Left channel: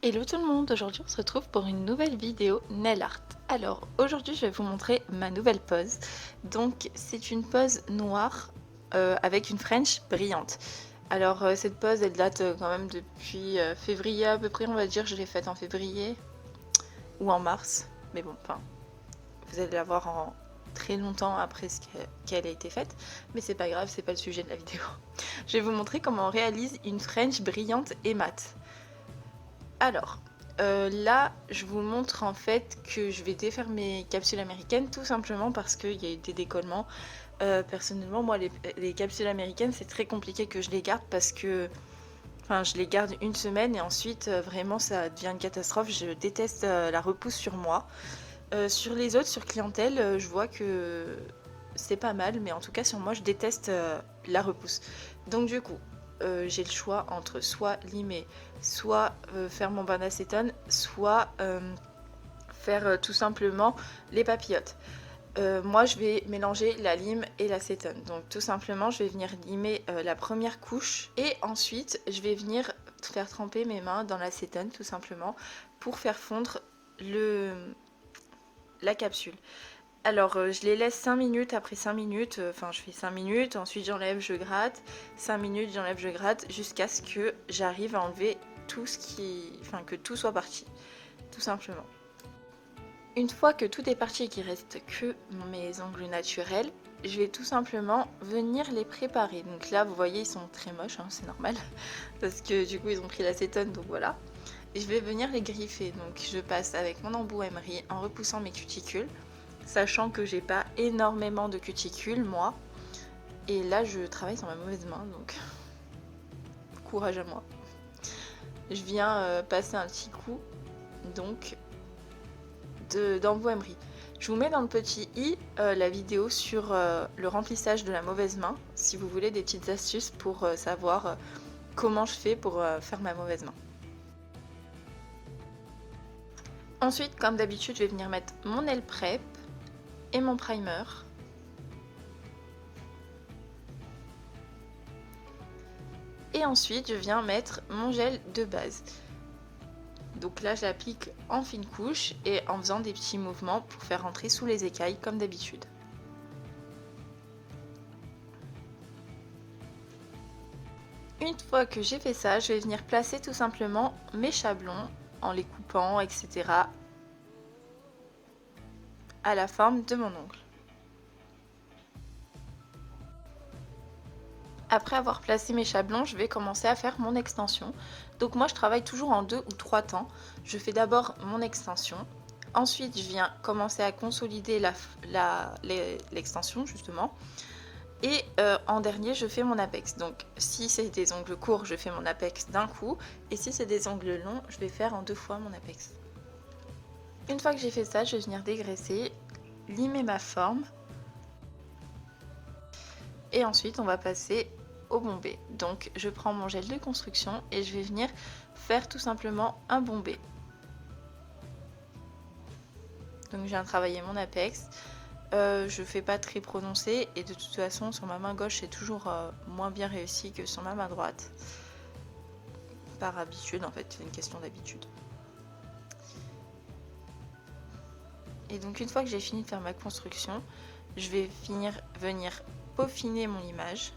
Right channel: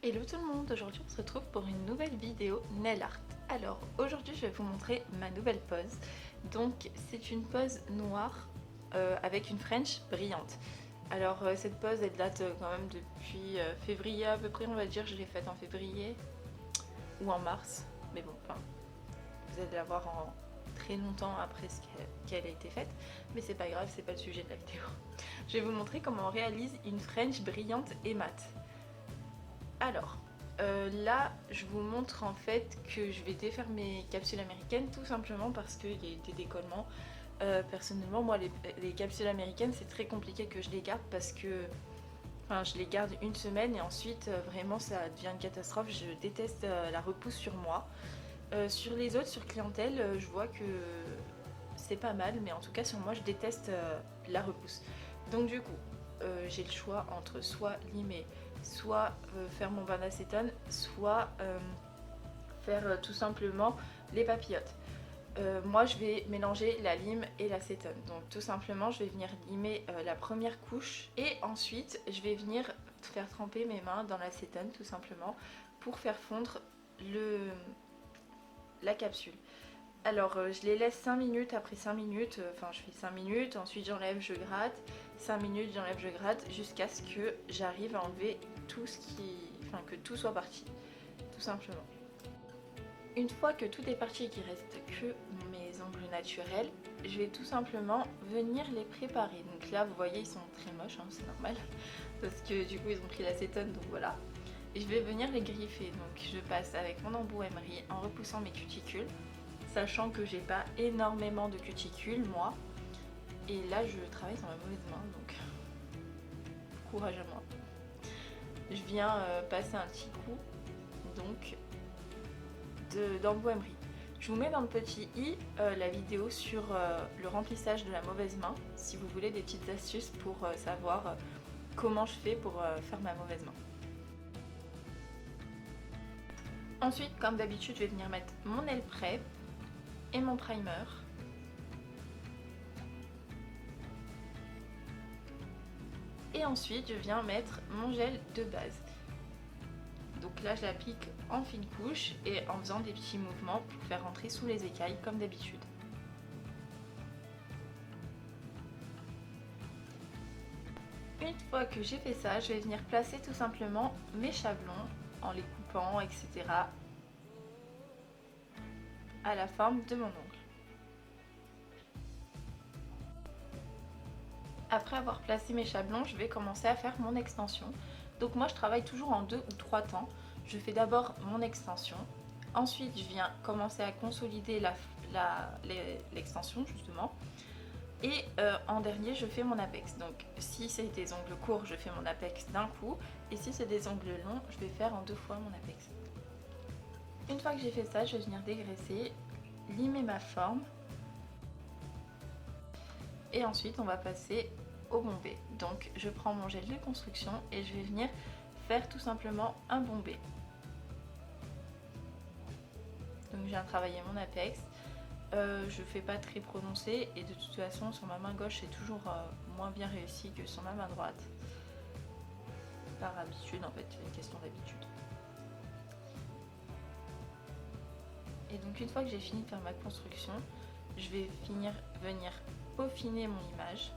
Hello tout le monde, aujourd'hui on se retrouve pour une nouvelle vidéo nail art. Alors aujourd'hui je vais vous montrer ma nouvelle pose. Donc c'est une pose noire avec une French brillante. Alors cette pose elle date quand même depuis février à peu près, on va dire. Je l'ai faite en février ou en mars. Mais bon, enfin vous allez la voir en très longtemps après qu'elle a été faite. Mais c'est pas grave, c'est pas le sujet de la vidéo. Je vais vous montrer comment on réalise une French brillante et mate. Alors, là, je vous montre en fait que je vais défaire mes capsules américaines tout simplement parce qu'il y a eu des décollements. Personnellement, moi, les capsules américaines, c'est très compliqué que je les garde parce que enfin, je les garde une semaine et ensuite, vraiment, ça devient une catastrophe. Je déteste la repousse sur moi. Sur les autres, sur clientèle, je vois que c'est pas mal, mais en tout cas, sur moi, je déteste la repousse. Donc, du coup, j'ai le choix entre soit limer, soit faire mon bain d'acétone, soit faire tout simplement les papillotes. Moi, je vais mélanger la lime et l'acétone. Donc, tout simplement, je vais venir limer la première couche et ensuite, je vais venir faire tremper mes mains dans l'acétone, tout simplement, pour faire fondre la capsule. Alors, je les laisse 5 minutes. Après 5 minutes, enfin, je fais 5 minutes. Ensuite, j'enlève, je gratte. 5 minutes, j'enlève, je gratte. Jusqu'à ce que j'arrive à enlever tout ce qui. Enfin, que tout soit parti. Tout simplement. Une fois que tout est parti et qu'il reste que mes ongles naturels, je vais tout simplement venir les préparer. Donc là, vous voyez, ils sont très moches, hein, c'est normal. Parce que du coup, ils ont pris l'acétone, donc voilà. Et je vais venir les griffer. Donc je passe avec mon embout emery en repoussant mes cuticules. Sachant que j'ai pas énormément de cuticules, moi. Et là, je travaille sur ma mauvaise main, donc courage à moi. Je viens passer un petit coup, donc, d'embout emery. Je vous mets dans le petit i la vidéo sur le remplissage de la mauvaise main, si vous voulez des petites astuces pour savoir comment je fais pour faire ma mauvaise main. Ensuite, comme d'habitude, je vais venir mettre mon nail prep et mon primer. Et ensuite, je viens mettre mon gel de base. Donc là, je l'applique en fine couche et en faisant des petits mouvements pour faire rentrer sous les écailles comme d'habitude. Une fois que j'ai fait ça, je vais venir placer tout simplement mes chablons en les coupant, etc. à la forme de mon ongle. Après avoir placé mes chablons, je vais commencer à faire mon extension. Donc moi, je travaille toujours en 2 ou 3 temps. Je fais d'abord mon extension. Ensuite, je viens commencer à consolider l'extension, justement. Et en dernier, je fais mon apex. Donc si c'est des ongles courts, je fais mon apex d'un coup. Et si c'est des ongles longs, je vais faire en 2 fois mon apex. Une fois que j'ai fait ça, je vais venir dégraisser, limer ma forme. Et ensuite, on va passer au bombé. Donc je prends mon gel de construction et je vais venir faire tout simplement un bombé. Donc je viens travailler mon apex. Je fais pas très prononcé et de toute façon sur ma main gauche c'est toujours moins bien réussi que sur ma main droite. Par habitude en fait, c'est une question d'habitude. Et donc une fois que j'ai fini de faire ma construction, je vais venir peaufiner mon image.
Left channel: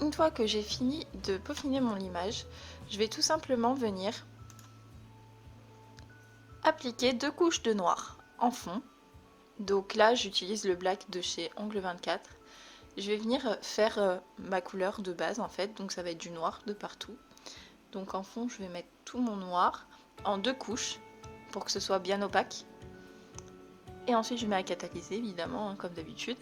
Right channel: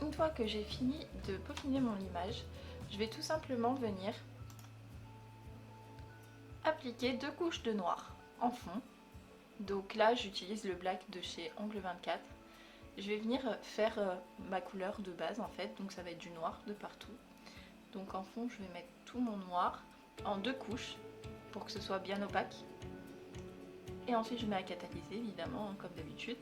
Une fois que j'ai fini de peaufiner mon image, je vais tout simplement venir appliquer 2 couches de noir en fond. Donc là j'utilise le black de chez Ongle 24. Je vais venir faire ma couleur de base en fait, donc ça va être du noir de partout. Donc en fond je vais mettre tout mon noir en 2 couches pour que ce soit bien opaque. Et ensuite je mets à catalyser évidemment, hein, comme d'habitude.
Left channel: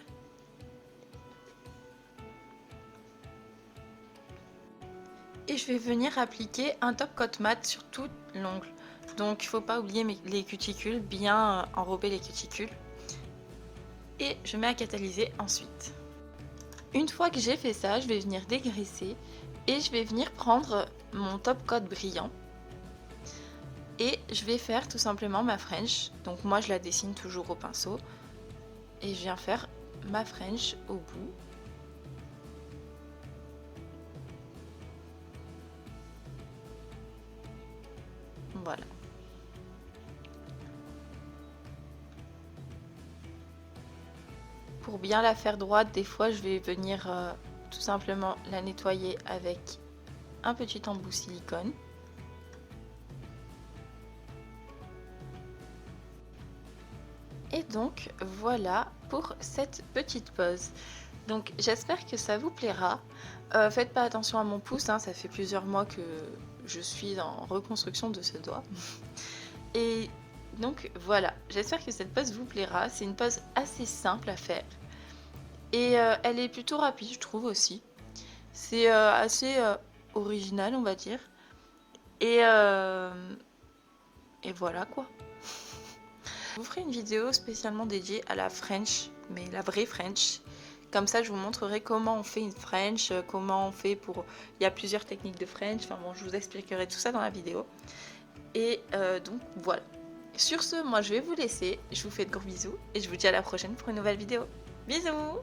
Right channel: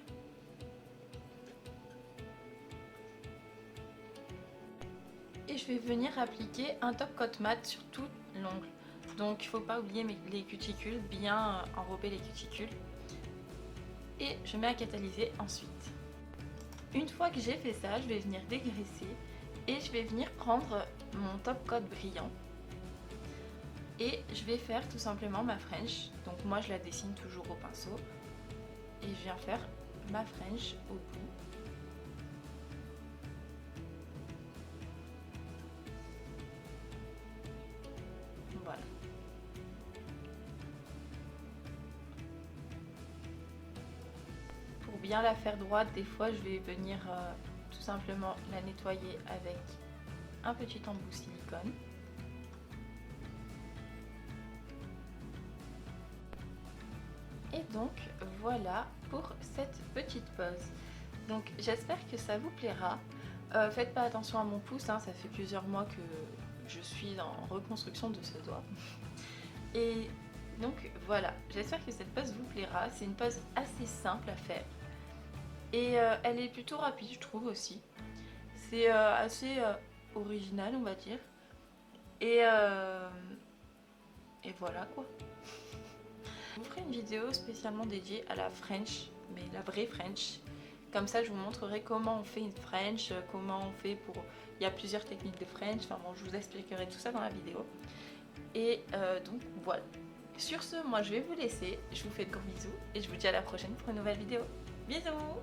Et je vais venir appliquer un top coat mat sur tout l'ongle. Donc il ne faut pas oublier les cuticules, bien enrober les cuticules. Et je mets à catalyser ensuite. Une fois que j'ai fait ça, je vais venir dégraisser et je vais venir prendre mon top coat brillant. Et je vais faire tout simplement ma French. Donc moi je la dessine toujours au pinceau. Et je viens faire ma French au bout. Voilà. Pour bien la faire droite, des fois je vais venir tout simplement la nettoyer avec un petit embout silicone. Et donc voilà pour cette petite pose. Donc j'espère que ça vous plaira. Faites pas attention à mon pouce, hein, ça fait plusieurs mois que je suis en reconstruction de ce doigt. Et donc voilà, j'espère que cette pose vous plaira. C'est une pose assez simple à faire. Et elle est plutôt rapide, je trouve aussi. C'est assez original, on va dire. Et, euh, et voilà quoi. Je vous ferai une vidéo spécialement dédiée à la French, mais la vraie French. Comme ça, je vous montrerai comment on fait une French, comment on fait pour... Il y a plusieurs techniques de French, enfin bon, je vous expliquerai tout ça dans la vidéo. Et donc voilà. Sur ce, moi je vais vous laisser. Je vous fais de gros bisous et je vous dis à la prochaine pour une nouvelle vidéo. Bisous!